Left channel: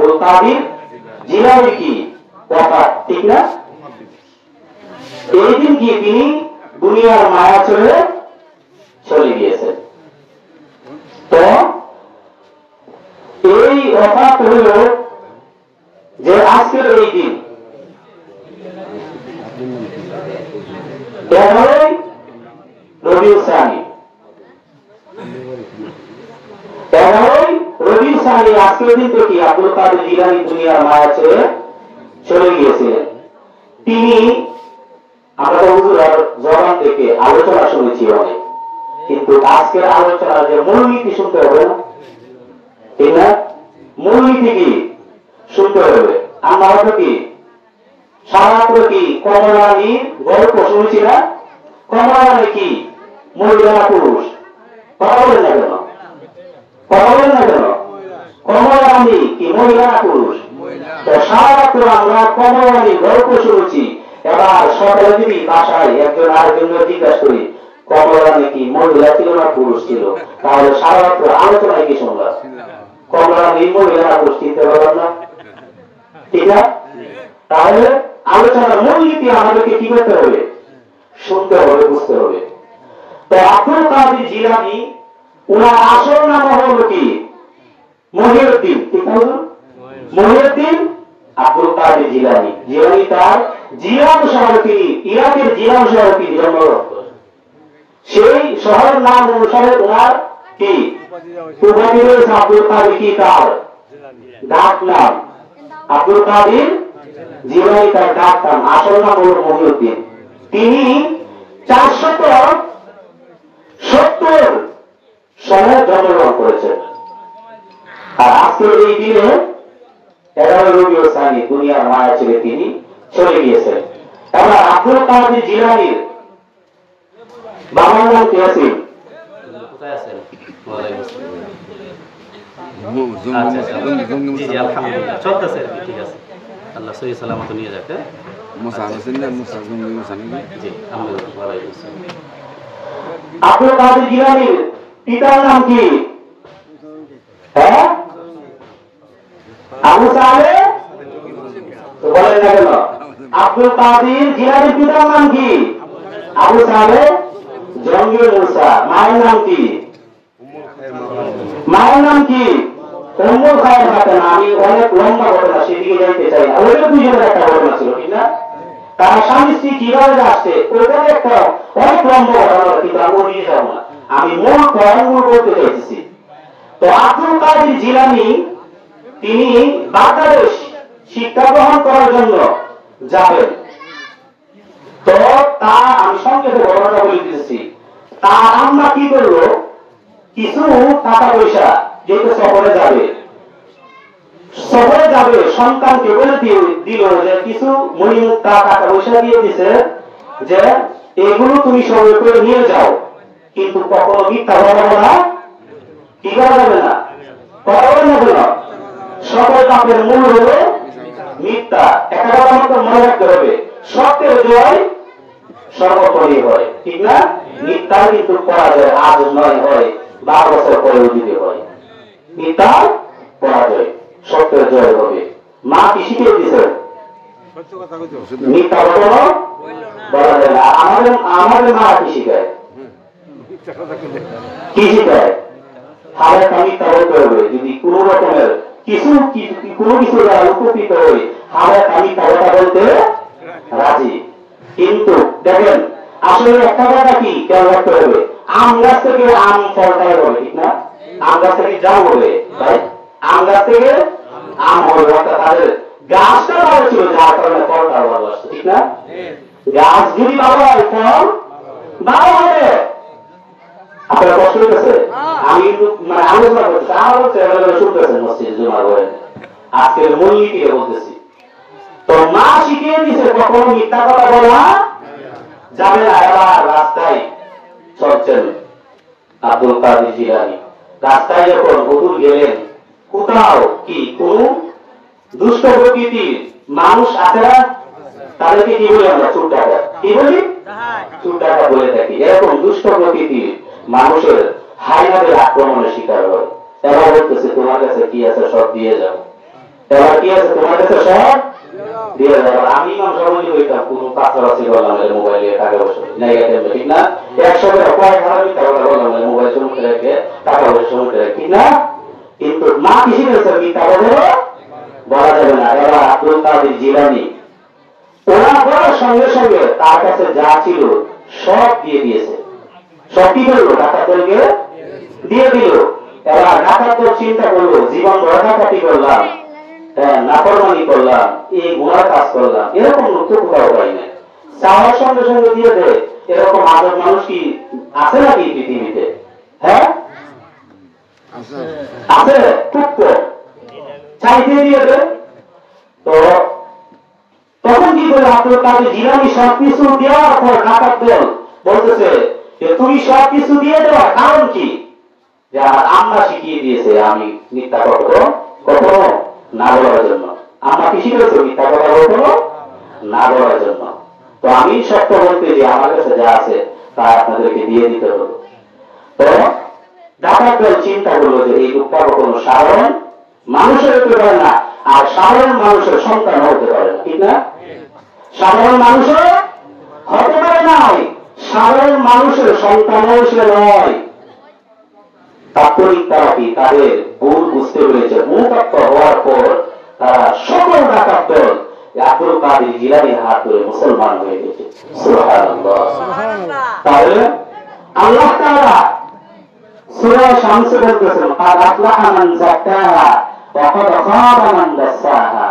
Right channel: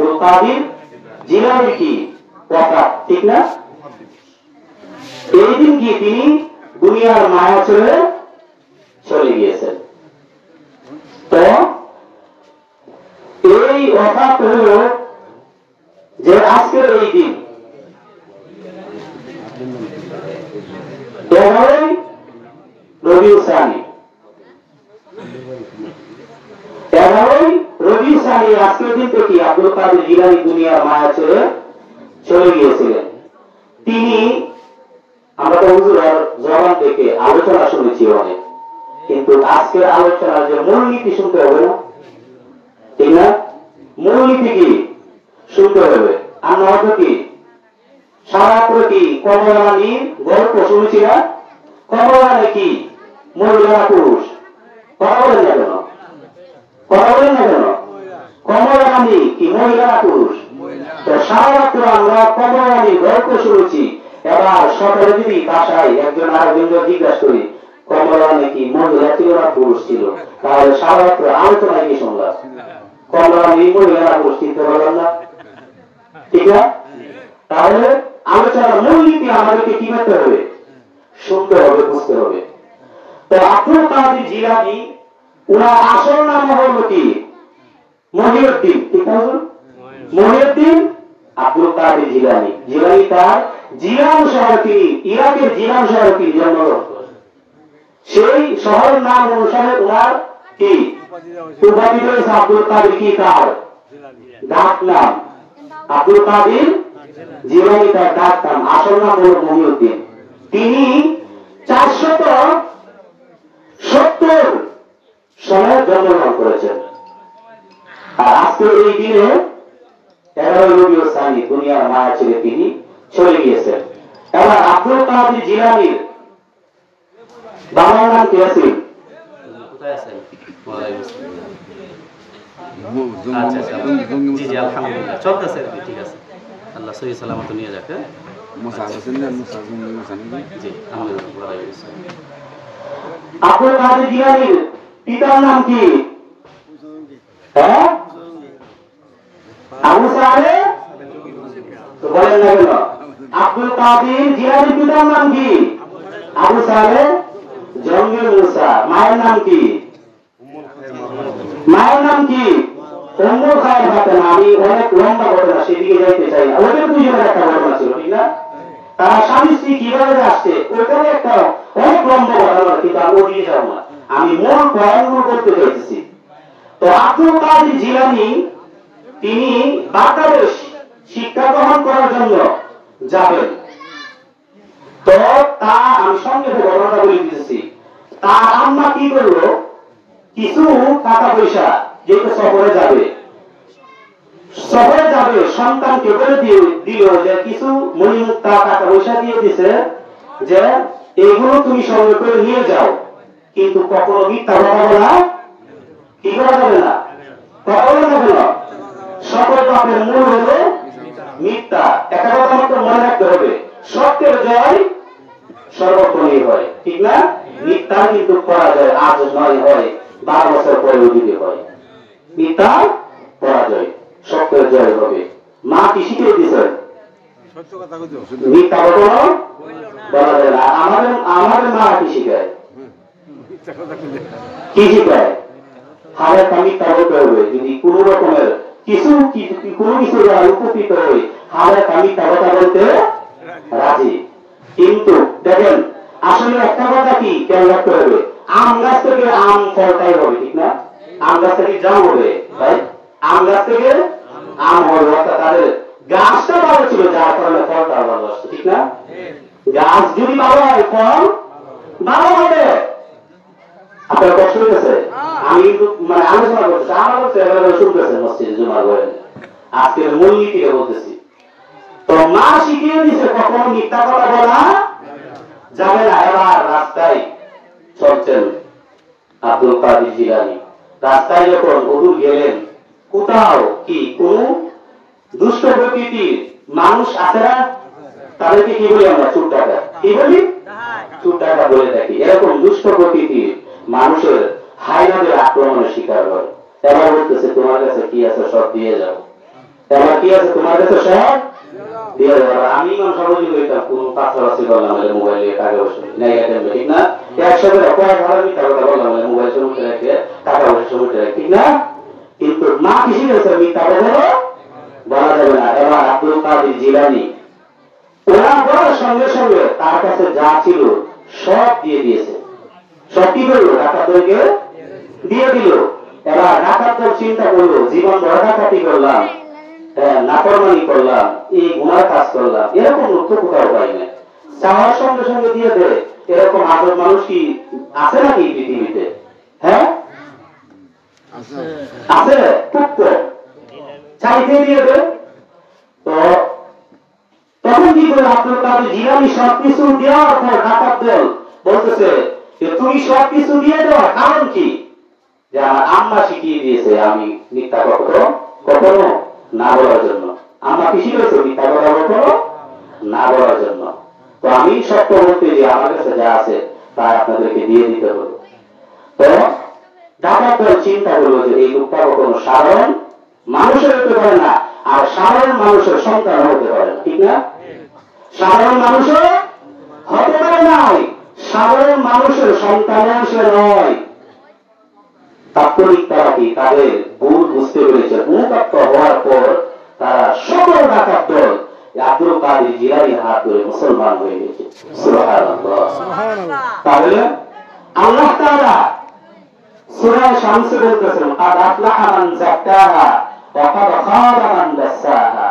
আব্দুল কাদের জিলানী কি কথা, ঠিক না? এই দিন কি তিনি দুনিয়ার মায়া ছেড়ে চলে গিয়েছেন। তো এই অফাত হল যে আজকের এই দিন 11ই রবিউল সানি, 11ই রবিউল সানি আজকের দিন থেকে আব্দুল কাদের জিলানী দুনিয়ার মায়া ছেড়ে চলে গিয়েছিলেন। তিনি, আমরা তো হুজুরের জবান থেকে আলোচনা শুনেছি অনেক, কিন্তু আজকের আলোচনার যে মূলনীতি শুনতে হবে না, ঠিক না? মূলনীতি কি শুনতে হবে। আমরা হয়তো কি সারাত্র কি কমলারানীর গল্প শুনেছি না? কমলারানী কি মহিলা না পুরুষ? কথা বলেন না কেন? কথা বলেন না কেন? কমলারানী কি মহিলা না পুরুষ? তো সারাত্র আমরা কমলারানীর গল্প শুনেছি। এবার সকালে যদি বাসায় একজন আরেকজনকে জিজ্ঞাসা করি কমলারানী কি মহিলা ছিল না পুরুষ ছিল, তাহলে সারাত্র আলোচনায় কি শুনলাম? কমলারানী মহিলা না পুরুষ চিনতে পারলাম না, ঠিক না? তাহলে আলোচনার মূলনীতি আমাদেরকে কি করতে হবে? শুনতে হবে, বুঝতে হবে। তো আব্দুল কাদের জিলানী উনার আসল নাম হলো কি? মহিউদ্দিন, ঠিক না? মহিউদ্দিন আব্দুল কাদের জিলানী। জিলানী তার জিলান শহর, তিনি ইরাকের জিলান শহরে তিনি জন্মগ্রহণ করেন। সেই শহরের নাম অনুসারে ওনার কি উপাধি রয়েছে আব্দুল কাদের, কি তার ডাক নাম আব্দুল কাদের জিলানী, তার ডাক নাম। আসল নাম হল মহিউদ্দিন। তিনি 470 সনে জন্মগ্রহণ করেছেন। আর আজকের এই দিনে 11ই রবিউল সানি দুনিয়ার মায়া ছেড়ে তিনি চলে গিয়েছেন। এবার আব্দুল কাদের জিলানীর বাবার নাম কি আছে? কোথায় আছেন? আলহামদুলিল্লাহ চলতেছে, ঠিক আছে, আল্লাহ সহি সালামত নিয়ে যাক। আব্দুল কাদের জিলানীর পিতার নাম কি? হ্যাঁ, আবু সালেহ। বলেন না কেন? আব্দুল কাদের জিলানীর পিতার নাম কি? আবু সালেহ জঙ্গি মুসা। মায়ের নাম কি? মায়ের নাম কি? উম্মুল খায়ের ফাতেমা। আমি অনেক লম্বা ঘটনা, সেদিকে যাইতে চাই না। ওইটা দুজনের একটা ঘটনা ছিল, ঠিক না? তারা স্বামী স্ত্রী কিভাবে আসছে ওইখানে একটা অনেক লম্বা ঘটনা, কিন্তু আমি ওদিকে যাব না। আমি মূল পয়েন্টগুলো করতে চাইতেছি। তো আব্দুল কাদের জিলানী তিনি বাংলাদেশ শিক্ষা গ্রহণ করার জন্য যাবেন। তো তা আমি সংক্ষেপে ঘটনাটা বলে দিতেছি। তার আম্মা কি করলো, কিছু টাকা পয়সা যেহেতু সফরে যাবে সন্তানকে বলে দিল যে কিছু মণিমুক্তা টাকা পয়সা দিয়ে দিছে যে এগুলো তুমি সঙ্গে করে নিয়ে যাও, কিন্তু কখনো মিথ্যা কথা বলা কি করা যাবে না, কথা বলে যাবে না। সকল পাপের মূল হলো মিথ্যা। একটা কথা আমাকে মনে রাখতে হবে, সত্যের জয় সর্বক্ষণই হয়, ঠিক না? মিথ্যার কিন্তু পরাজয় আজ নয়, হয় 12 বছর পরেও যদি হয়। মিথ্যার পরাজয়, সত্যের জয় হবে। মা কি শিখিয়ে দিচ্ছেন? মিথ্যা কখনো বলা যায় না। আমাদের মা কি শিখায়? কি শিখায়? হালকা মিথ্যা বলতে হবে। যদি কোন রকমের কোনো কিছু উপকৃত হই, হালকা মিথ্যা কথা বলতে রাজি। কিন্তু দেখেন, আসলে একটা কথা কি খেয়াল রাখতে হবে, আম গাছ থেকে আম ফলটাই হবে, ঠিক না? আম গাছ থেকে জাম হবে, ভাই, আম গাছ থেকে আম হবে। অর্থাৎ তাদের গাছটা ভালো ছিল, যার কারণে ফলটা ভালো আসছে, ঠিক না? গাছ যদি ভালো হয়, ফল ভালো হবে। আপনার কষ্ট হইতেছে? আমি কিন্তু মানে আলোচনা করতেছি, আমার শুনতেছেন মসজিদে জমা করেন, আজকের মূলনীতি বলতেছি। তো মা শিখিয়ে দিছে কখনো মিথ্যা কথা বলা যাবে না। এবার রাস্তায় চলছেন আব্দুল কাদের জিলানী। রাস্তায় যখন হুজুর গেলেন, কোথাও কি কোন দুষ্ট প্রকৃতির মানুষ আছে না? তাদেরকে কি বলি আমরা? চোর ডাকাত। কি বলি? চোর ডাকাত বলে থাকি। এরকম দুষ্ট প্রকৃতির মানুষের হায়নাদের আক্রমণের শিকার হয়। এবার বলতেছে তোমার কাছে কি আছে সব দিয়ে যাও। এবার কি আছে তোমার কাছে সব দিয়ে যাবে। আমি ইমাম সাহেব কইতাম কোন কাছাকাছি করলাম মোবাইলে টাকা পয়সা নেগেটিভ ঠিক না, একসাথে কয়েক হাজার টাকা বললাম মোবাইল শুরু করে রেখে টাকা পয়সা শুরু করে ঠিক না, কিন্তু মা কিসে গেছে মিথ্যা বলা যাবে না। এবার আব্দুল কাদের জিলানী ওরা বলার সঙ্গে সঙ্গে তার কাছে যা ছিল সব দিয়ে দিয়েছে। সব কি করলো? ডাকাত দলকে দিয়ে দিল। এবার ডাকাত দল চিন্তা করলো জীবন ভর ডাকাতি করলাম, নাফরমানি করলাম, এই গুনার কাজ করলাম, এরকম লোক তো কোথাও হয় না, চাওয়ার সঙ্গে সঙ্গে দিয়ে দেয়। এরকম আদর মানুষ কি আছে নাকি পৃথিবীতে? হ্যাঁ আছে, খুব কম, চাইতে দিয়ে দেয়। তো তখন কি করে আব্দুল কাদের জিলানী সবকিছু দেওয়ার পর ডাকাত দল বলতেছে যে তুমি সবকিছু দিয়ে দেওয়া কারণ কি? যা আম্মা শিখিয়ে দিয়েছে আমি মিথ্যা কখনো না বলার জন্য। আম্মা কি শিখেছে? মিথ্যা কথা কখনো না বলার জন্য। তো আমি সত্য বলতে যে আমার কাছে যা আছে তা আপনাদেরকে দিয়ে দিতে হবে। তো ডাকাত দল চিন্তা করলো যে এই লোকটা কখনো সাধারণ মানুষের হতে পারে না, আর সাধারণ মানুষের সন্তান হতে পারে না, ঠিক না? সাধারণ মানুষও হতে পারে নাই, সাধারণ মানুষের সন্তান সে নয়। তাৎক্ষণিক তারা কি তাদের ভুল বুঝতে পেরেছে, মুক্ত হওয়ার পর তারা সকল ডাকাত দল আব্দুল কাদের জিলানীর হাত ধরে মুসলমান হয়ে গেছে। সুবহানাল্লাহ। তাহলে আল্লাহ তাআলা সূরা শামস বলতেছেন কাদ আফলাহা মান যাক্কাহা ওয়া কাদ খাবা মান দাসসাহা।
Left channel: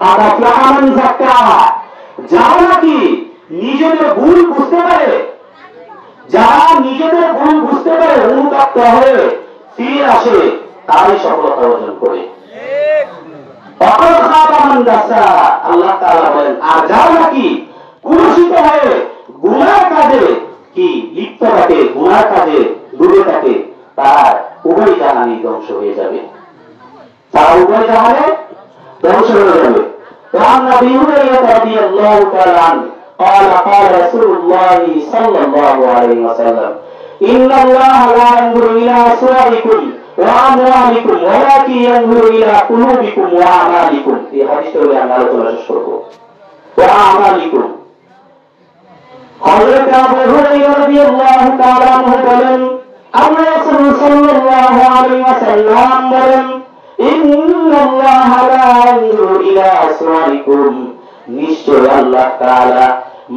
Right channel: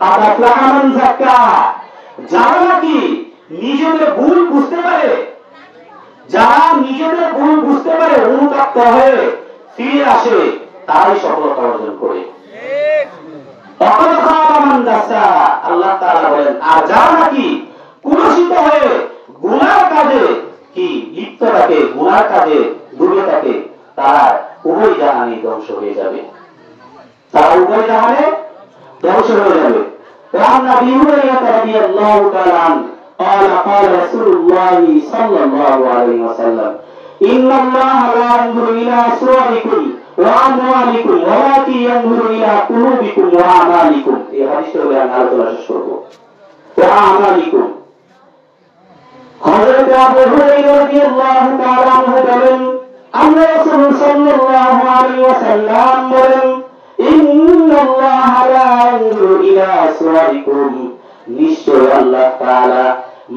কাদ আফলাহা মান যাক্কাহা, যারা নাকি নিজেদের ভুল বুঝতে পারে, যারা নিজেদের ভুল বুঝতে পারে, অনুতপ্ত হয়ে ফিরে আসে, তারাই সফলতা অর্জন করে। আল্লাহ তাআলা বলেন আর যারা নাকি কুলসিত হয়ে গুনার কাজে কি লিপ্ত থাকে, গুনার কাজে ডুবে থাকে, তারা উভয় জাহানে ধ্বংস হয়ে যাবে, তারা উভয় জাহানে ধ্বংস হয়ে যাবে। وعن أبي هريرة رضي الله تعالى عنه قال قال رسول الله صلى الله عليه وسلم إن الله لا ينظر إلى صوركم وأموالكم ولكن ينظر إلى قلوبكم وأعمالكم। এই হাদিসটা আমি আলোচনা শেষ করব। وأعمالكم। হযরত আবু হুরায়রা রাদিয়াল্লাহু তাআলা আনহু বলেন আল্লাহ রাসূল সাল্লাল্লাহু আলাইহি ওয়াসাল্লাম বলেন ইন্নাল্লাহা লা ইয়ানজুরু ইলা সুওয়ারিকুম, নিশ্চয় আল্লাহ তাআলা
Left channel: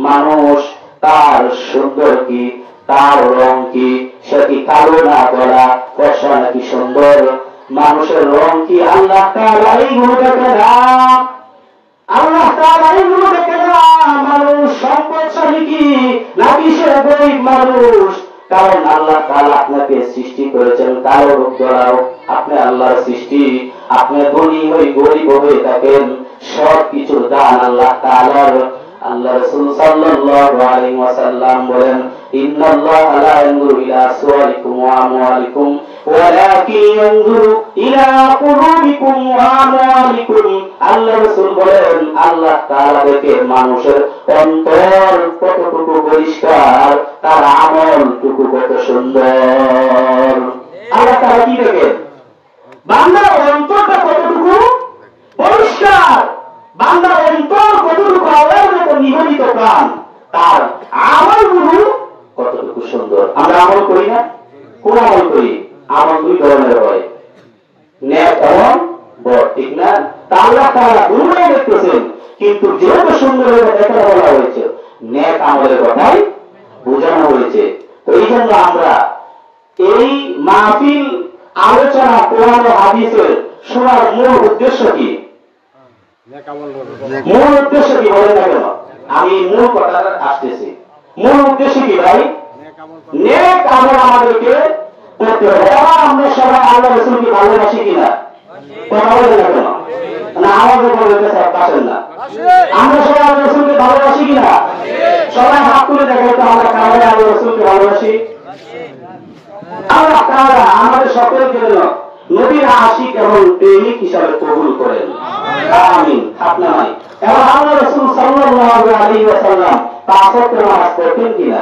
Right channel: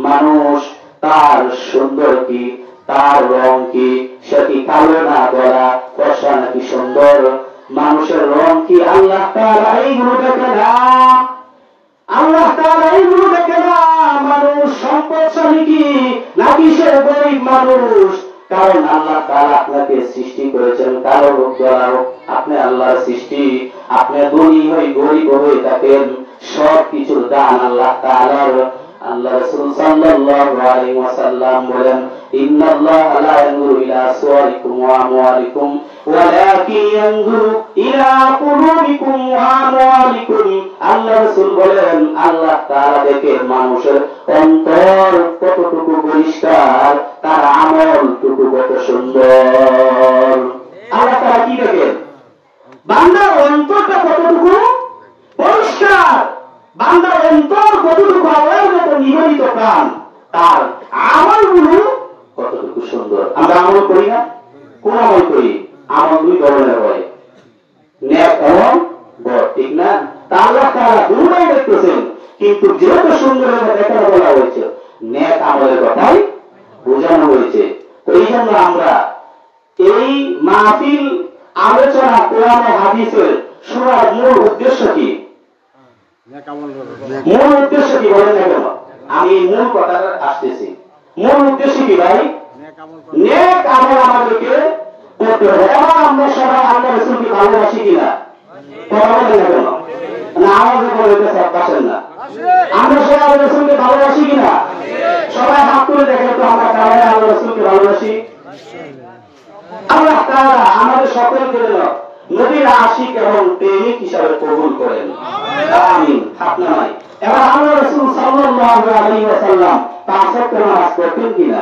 মানুষ তার সুন্দর কি, তার রং কি, সে কি কালো না বলা, ফর্সা নাকি সুন্দর, মানুষের রং কি, আল্লাহ তাআলা এইগুলো দেখে না। আল্লাহ তাআলা এইগুলো দেখে না মানুষ সম্পদশালী কি নাকি সে গরিব মানুষ। কারণ আল্লাহ তাআলা আপনাকে সৃষ্টি করেছেন কালো রূপ দ্বারাও, আপনি আল্লাহর সৃষ্টি, আপনি ধনী হই গরিব হয়ে থাকেন, সব কিছুর দান আল্লাহ তাআলার। আল্লাহ রাসূল সাল্লাল্লাহু আলাইহি ওয়াসাল্লাম বলেন ইন্নাল্লাহা লা ইয়ানজুরু ইলা সুওয়ারিকুম ওয়া আমওয়ালিকুম ওয়ালাকিন ইয়ানজুরু ইলা কুলুবিকুম ওয়া আমওয়ালিকুম। আল্লাহ রাসূল বলেন আল্লাহ তাআলা দেখে মানুষের অন্তর কতটুকু পরিষ্কার, তার আমলটুকু কত সুন্দর। আল্লাহ তাআলা কি দেখেন? বান্দার অন্তরটা কতটুকু পরিষ্কার, বান্দার অন্তর কতটুকু আল্লাহর মতো নিবেদিত প্রাণ, তার আমলগুলো কতটুকু সুন্দর। আমরা আমল করি না? কোন আমল করি? আমল দুই ধরনের হয়, নেক এবং বদ, ঠিক না? আল্লাহ তাআলা দুটোই দেখতেছেন, কিন্তু যেহেতু সুন্দরের কথা এখানে বলা হয়েছে, নেক আমলের কথাই বোঝানো হয়েছে। তো এই জন্য আমরা এই মাহফিল আলোচনা কোরআন ও হাদিসের শোনার মূল উদ্দেশ্য কি? মূল উদ্দেশ্য কি বলেন না কেন? আমি মূল কথাটা আসতেছি। মূল উদ্দেশ্য কি ভাই? নেক আমল আমাদেরকে করতে হবে। এবার আমরা সবাই আল্লাহ রাসূলকে ভালোবাসি কিনা? কথা বলেন না কেন? না আওয়াজ করে আসেন না। আমরা সবাই আল্লাহ রাসূলকে ভালোবাসি কিনা? সবাই হাত তুলে দেখেন তো আমরা কারা কারা আল্লাহ রাসূলকে ভালোবাসি। আল্লাহ তাআলা আমাদের সকলকে যেন নবীর আশিক এবং প্রেমিক হিসাবে কবুল করেন, আমিন। হাত নাই। এবার আল্লাহ রাসূল সাল্লাল্লাহু আলাইহি ওয়াসাল্লাম পাঁচ ওয়াক্ত নামাজ পড়তেন কিনা?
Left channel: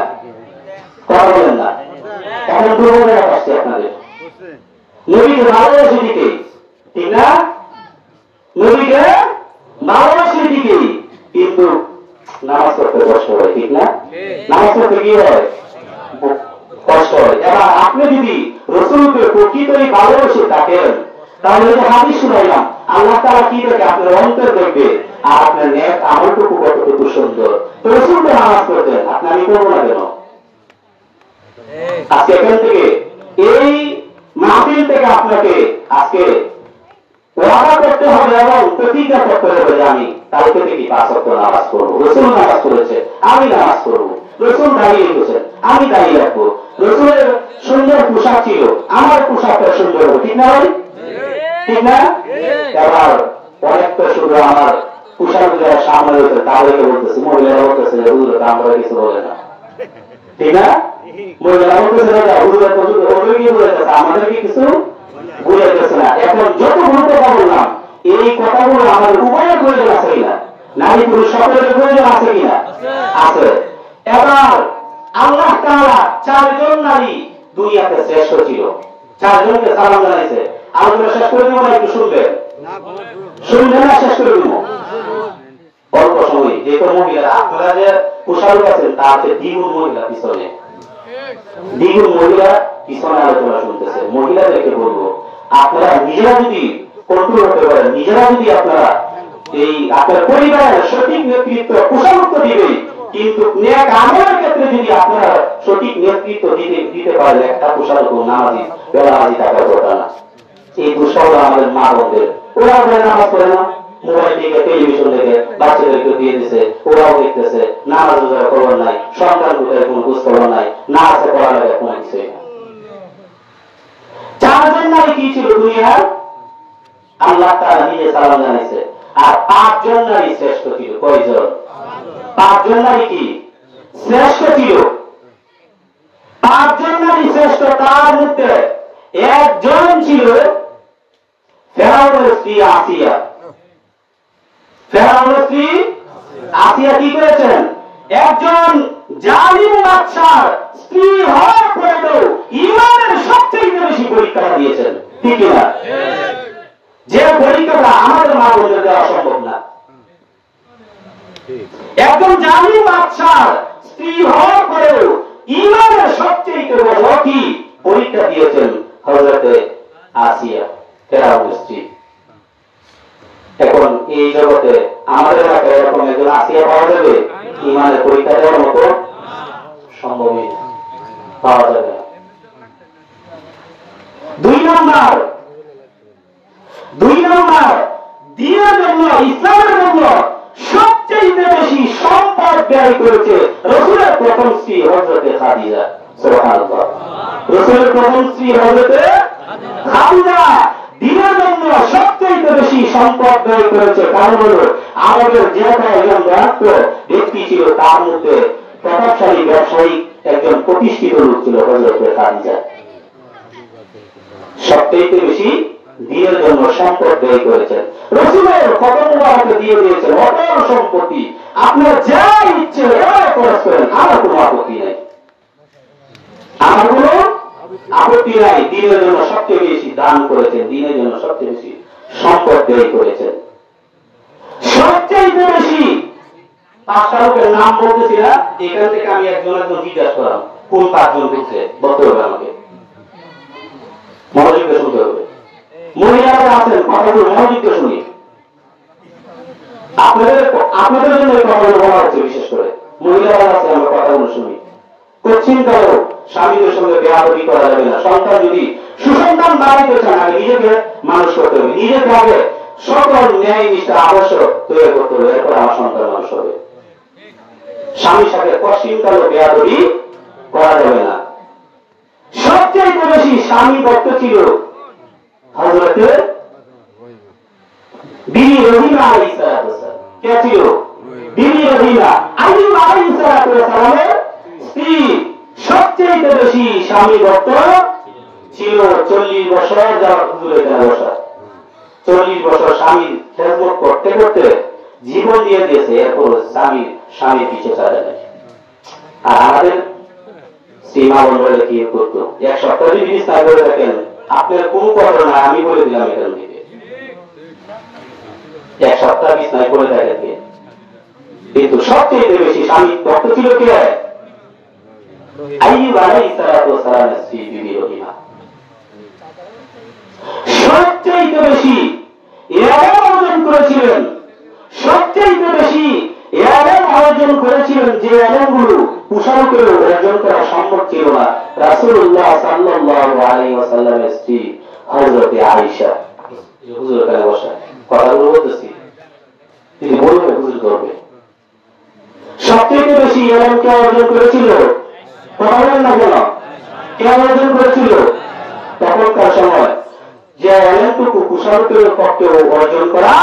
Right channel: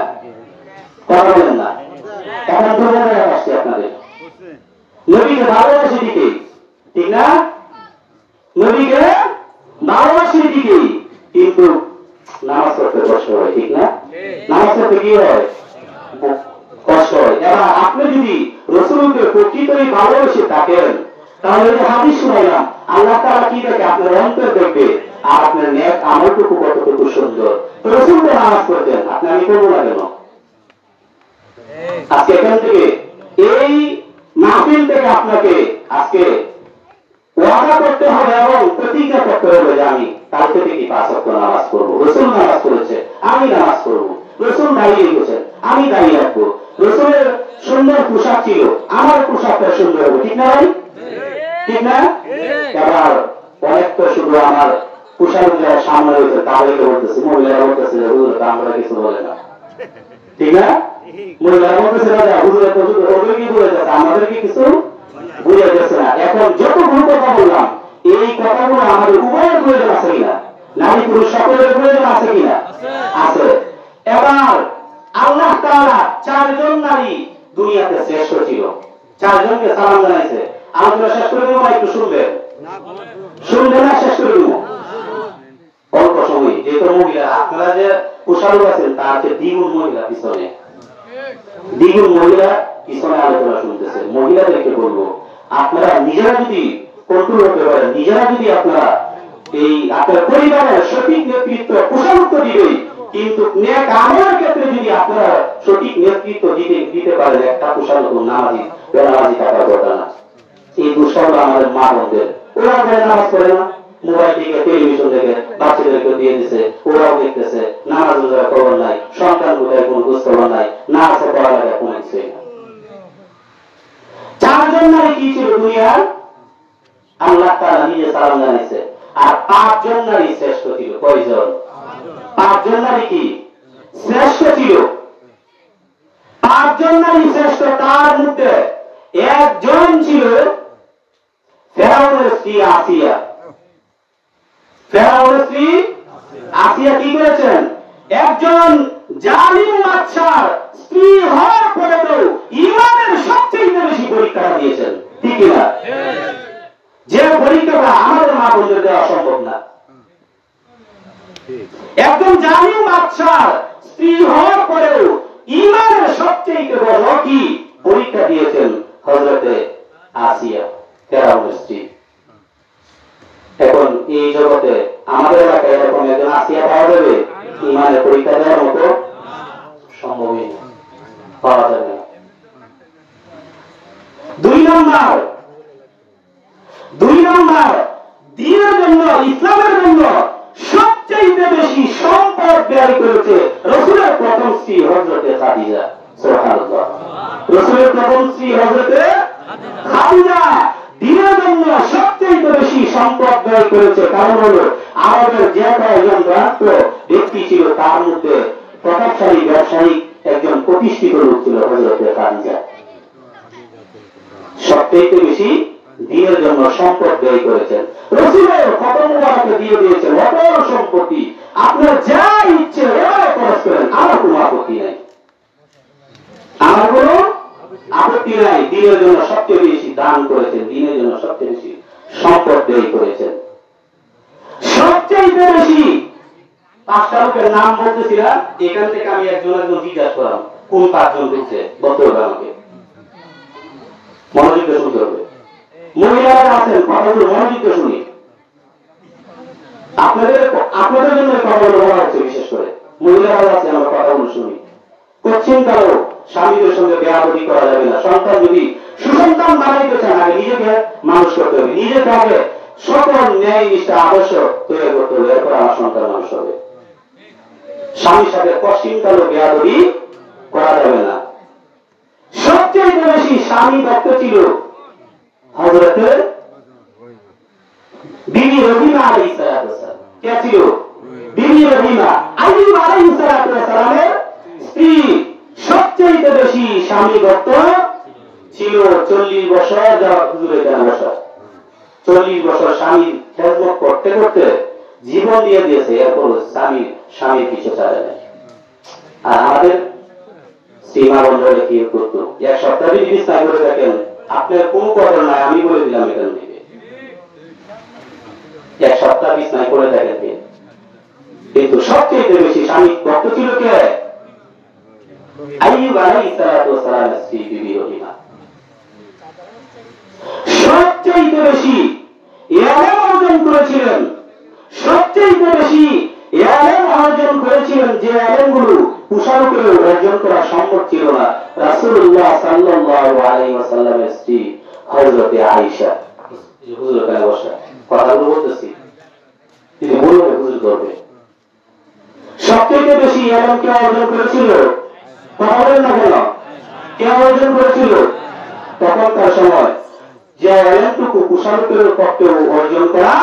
কথা বলেন না। এখন দুর্বল আসছে আপনাদের নবীর ভালোবাসি দিকে, ঠিক না? নবীকে ভালোবাসি ঠিকই, কিন্তু নামাজ পড়তে কষ্ট হয়, ঠিক না? নামাজ পড়তে কি হয়? কষ্ট হয়। এবার আপনি যদি রসুলকে প্রকৃতই ভালোবেসে থাকেন, তাহলে যে হাদিস শুনাইলাম, আল্লাহ তাআলা কি দেখে? আপনার অন্তর দেখবে, আর আপনার নেক আমলটুকু কতটুকু সুন্দর। তো রসুল তো নামাজ পড়তেন, আপনি আমি করবো না কেন? আজকে এখান থেকে এই মাহফিল থেকে আপনাকে আজকে ওয়াদা করতে হবে এবং প্রতিজ্ঞা করতে হবে যে আমি কালকে থেকে 5 ওয়াক্ত নামাজ পড়বো। রসুল নামাজ পড়েছে, আমি নামাজ পড়বো। রসুল দাঁড়িয়ে রেখেছেন, আমি দাঁড়িয়ে রাখবো। রসুলের সুন্দর পোশাক ছিল, আমার পোশাকটা সুন্দর হবে, ঠিক না ভাই? ঠিক না? এবার অনেক তো শুধু আমার পোশাক যারা সামনে রয়েছে তাদেরকে বলতেছে, মহিলারা বলতেছে আমরা কিছু বলে না, ঠিক না? মহিলারা বলতেছে আমাদেরকে কিছু বলে যাচ্ছে না। এখন যত ভুল কথা বললাম, এই কথাগুলো আমাদের উভয়ের প্রয়োজন আছে কিনা? নারী পুরুষ সকলের প্রয়োজন আছে কিনা? আছে। এবার আল্লাহ তাআলা 4 জন নারী দুনিয়াতে শ্রেষ্ঠ ছিল, 4 জনকে সালাম জানাইছে। আলোচনা শেষ করে দেবো না, একটু শুনবেন? শুনবেন না? শেষ করে দেবো অল্প সময়। যেহেতু মহিলা আপনারা যে পোশাক আছেন তাতে দ্বিগুণ মহিলা পিছনে, দ্বিগুণ মহিলা পিছনে আলোচনা শুনতেছে। মহিলাদেরকে বলবো, আপনারা নিজেরা যদি কন্ট্রোল করতে পারেন, নিজেরা যদি আপনারা এই আপনার পরিবারের সঠিক নেতৃত্ব পোষামুক্ত দিবে, কিন্তু নেক আমলের ক্ষেত্রে যদি আপনারা সঠিক নেতৃত্ব দিতে পারেন, একটা পোষামুক্ত নামাজি বেনামাজি থাকার কথা না। এই দুঃসময় আমাদের মা বোনদের, ওরা নামাজ পড়ে না, মোবাইল থেকে টেলিভিশন থেকে বাচ্চাদেরকে দিয়ে দিচ্ছে, ওরাও দেখতেছে, নামাজ রোজার খবর নাই, সন্তান রোজার কোন খোঁজ খবর নাই, না আছে পড়ালেখা কোন কিছুই না। 4 জন নারী কি ছিল দুনিয়ার? আল্লাহ তাআলা নিজে সালাম জানাইছে। আর 5 জন নারী শ্রেষ্ঠ ছিল। কয়জন? 5 জন নারী কি শ্রেষ্ঠ ছিল? 5 জন নারী শ্রেষ্ঠ। তার মধ্যে একজন ছিল ফেরাউনের স্ত্রী আসিয়া। ফেরাউনের স্ত্রী আসিয়া কি করেছেন? একজন জালিম বাদশার স্ত্রী হওয়ার পরেও ঈমানের সবচেয়ে বেশি পরীক্ষা দিয়েছেন, ঠিক না? যে পরীক্ষাটা আমাদের মা বোনদের দেওয়া সম্ভব না। একজন জালিম বাদশার স্ত্রী হওয়ার পরেও ঈমানের সবচেয়ে বড় কি পরীক্ষা দিয়েছেন হযরতে আসিয়া, ফেরাউনের স্ত্রী। এখন এই জগতে আমাদের এলাকায় এরকম একজন আসিয়া পাওয়া যাবে? ঈমানের পরীক্ষা দেওয়ার মতো সম্ভবই পাওয়া যাবে। 2 নম্বর দ্বীনের জন্য, ইসলামের জন্য সবচেয়ে বেশি সম্পদ ব্যয় করেছে রাসূলের প্রথম স্ত্রী হযরতে খাদিজা। সুবহানাল্লাহ। রাসূলের প্রথম স্ত্রী হযরতে খাদিজা দ্বীনের জন্য সবচেয়ে বেশি সম্পদ ব্যয় করেছে। কারণ হলো আমাদের যে কয়েকজন রাষ্ট্র ব্যক্তি ছিল তার মধ্যে প্রতাপশালী ব্যবসায়ী একজন প্রতিষ্ঠিত লোক ছিল হযরতে খাদিজা। সবচেয়ে বেশি দ্বীনের জন্য সম্পদ ব্যয় করেছেন। রাসূলের খতম মুবারক দিয়ে দিয়েছেন অপর সম্পত্তি, আপনার যা ইচ্ছে এবারে খরচ করেন, আমার কোনো আপত্তি নাই, আমার কোনো আপত্তি নাই। দ্বীনের জন্য সবচেয়ে বেশি দান করেছেন, দ্বীনের জন্য সবচেয়ে বেশি সম্পদ ব্যয় করেছেন। সবচেয়ে বেশি 5টা লোকের নাম বলতেছিলাম, এখান থেকে আমি একজন জিজ্ঞাসা করলাম কোন 5 জন বলছে বলতে হবে, আমাকে মনোযোগ দিয়ে শুনতে হবে। মহিলারা আছেন, কথাগুলো মনোযোগ দিয়ে শুনি। আপনাদের জন্য কথাগুলো বলা হচ্ছে, বিশেষ করে মহিলারা আছেন, আমরা কথাগুলো শুনি। কোশ্চিনকারও স্বামীদের সঙ্গে বেয়াদবি করা যাবে না। সন্তান যদি সুসন্তান বাড়িতে চান, আগে নিজেকে মানুষ করতে হবে, নিজেকে আগে সকল ন্যায় নিষ্ঠা আদর্শ তৈরি করতে হবে, এরপর আমার সন্তান মানুষ হবে। স্বামীর সাথে কোশ্চিনকারও বেয়াদবি করা যাবে না। সবচেয়ে বেশি স্বামী ভক্ত ছিল হযরতে বিবি রহিমা আলাইহিস সালাম। কে ছিল? বিবি রহিমা, আইয়ুব আলাইহিস সালামের স্ত্রী। সবচেয়ে বেশি স্বামী ভক্ত ছিল। 40 বছর যাওয়া হুজুরের এখানে বসা, 40 বছর স্বামীর খেদমত করতে করতে জীবন দিয়ে দিয়েছে, এরপর স্বামীর পিছে ছাড়া নেই। আর আমাদের সীমা বন্ধরে কি করতো? 1 সপ্তাহ যদি বিছানা করে থাকেন, আপনার কোনো কথা নাই, আমি বলে দিলাম এখান থেকে বাচ্চা বিছনায় পড়ে থাকে, কিন্তু সবচেয়ে বেশি স্বামী ভক্ত ছিল কে? আইয়ুব আলাইহিস সালাতু ওয়াস সালামের স্ত্রী বিবি রহিমা। সবচেয়ে বেশি ইলম অর্জন করেছিলেন, সবচেয়ে বেশি ইলম অর্জন করেছিলেন, যে ইলমগুলো কুশলকে অর্জন করা সম্ভব ছিল না, রাসূলুল্লাহ সাল্লাল্লাহু আলাইহি ওয়াসাল্লামের স্ত্রী হযরত আয়েশা। হুজুর কাছে বসা কথাগুলো বলতেছি, তিনি বলবেন হুজুর করবে। সবচেয়ে বেশি ইলম কে অর্জন করেছিল? কথা বলেন না কেন? কে অর্জন করেছিল? তখনকার সময় যে ইলমটুকু কুশলকের পক্ষে অর্জন করা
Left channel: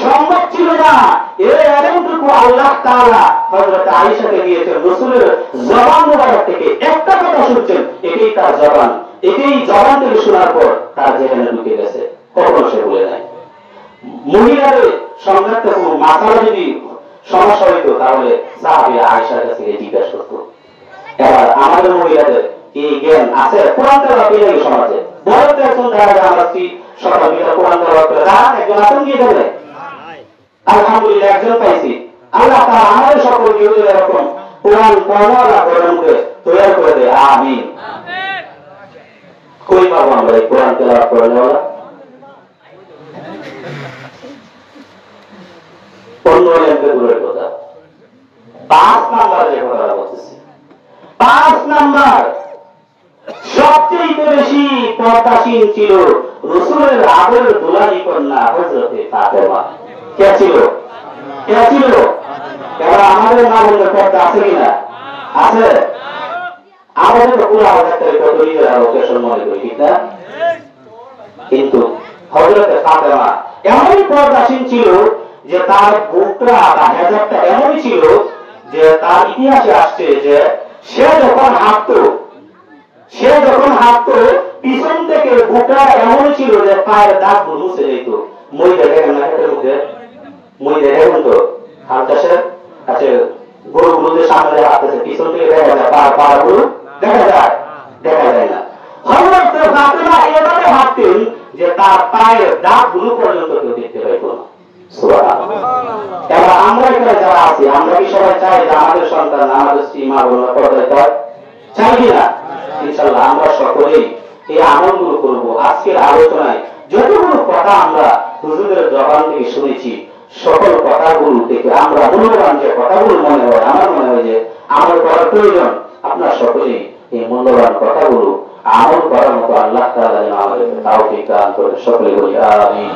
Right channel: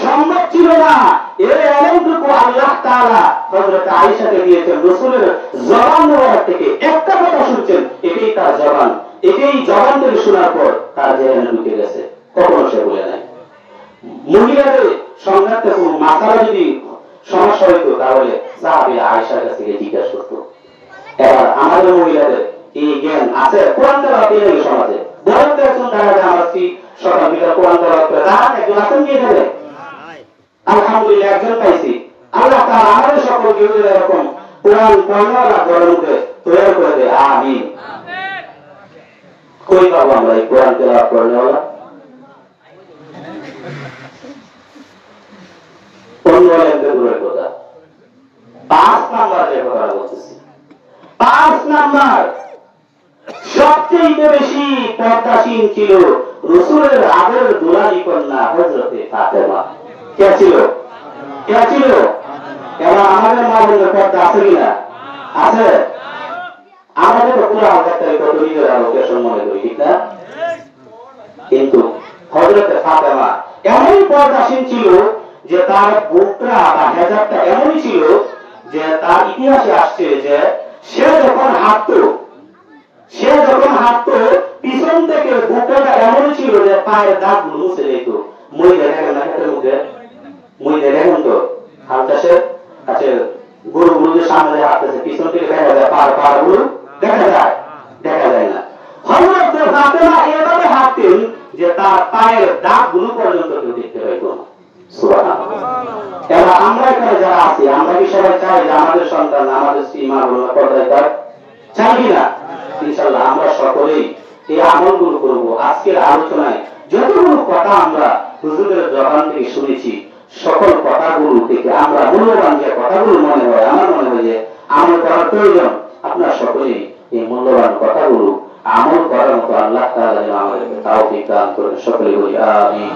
সম্ভব ছিল না, এই ইলমটুকু আল্লাহ তাআলা হযরত আয়েশাকে দিয়েছেন। রাসূলের জবান মুবারক থেকে একটা কথা শুনছেন, এটাই তার জবান, এটাই জবান থেকে শোনার পর তার জেনে ঢুকে গেছে, কখনো সে বলে নাই। মহিলাদের সংঘাতে মাথায় যদি সমস্যা হইতো তাহলে সাহাবীরা আয়েশার কাছে জিজ্ঞাসা করতো। এবার আমাদের মহিলাদের এই জ্ঞান আছে? কোরআন তেলাওয়াত এই সমাজে বড় তো এখন দেখা যায় আমরা সকাল বিকাল কোরআন তেলাওয়াত করে রাত একজন আছেন কি এখানে? আলহামদুলিল্লাহ একজন পাইছি। আল্লাহ তাআলা আমাদের সকল জীবনের এরকম কোরআন পড়ানোয়ালা ঘরের মধ্যে তৈরি করে দেয়। আমিন। কই পাবো আমরা এই কোরআন তেলাওয়াত পড়ানোয়ালা? অন্য এলাকাতে দূরের কথা। 5 নাম্বারের কথা বলতেছি। 5 নাম্বার সবচেয়ে বেশি পর্দাশীল ছিল রাসূলের আদরের দুলারি কন্যা হযরতে ফাতেমা। কে ছিল? কে ছিল? এবার আমাদের মা বলতে পর্দা আছে কিনা? আছে। আমাদের তো পুরো আওতায় কত নিজের লোকেশন মনে করি, ঠিক না? কিন্তু হযরতে ফাতেমা এমনই পর্দাশীল ছিল যে তার বুকরা বা হেজাবটা এমনই ছিল যে তার ইতিহাসে আসছে যে সে যখন হাঁটতো পিছন থেকে বুকরা এমন ছিল যে পায়ের দাগগুলো মুছে যেত। মই দেখেন না হাতের মধ্যে, মই দেখেন তো হাল চাষের কাছে গরুগুলোদের সামনে হাঁটতেছে, পিছন থেকে দেখা যায় পাগুলো দেখা যায় না। হযরত ফাতেমা এভাবে হাঁটতেন যে তার পায়ের দাগগুলো পর্যন্ত কেউ দেখতে পাইত না। সুবহানাল্লাহ। এবার আমরা এখানে যারা আছি, আমরা কি সবাই চাই যে আমাদের সন্তান, আমাদের স্ত্রী, মা বোন পর্দায় থাক? চাই কিনা? ইনশাআল্লাহ আমরা সকলেই এই আমলগুলো করবো। আজকের আলোচনায় যতগুলো কথা আমরা হুজুরের জবান থেকে শুনেছি, সকল কথাগুলো থেকে আমরা মূল্যবান যে কথাগুলো মনে হয়, আমার মনে হয় যে আমল করার প্রয়োজন। আপনারা সকলেই এই মূল্যবান কথাগুলো আমল করার মতো আল্লাহ তাআলা আমাদের তৌফিক দান করেন। সকলে বলি আমিন।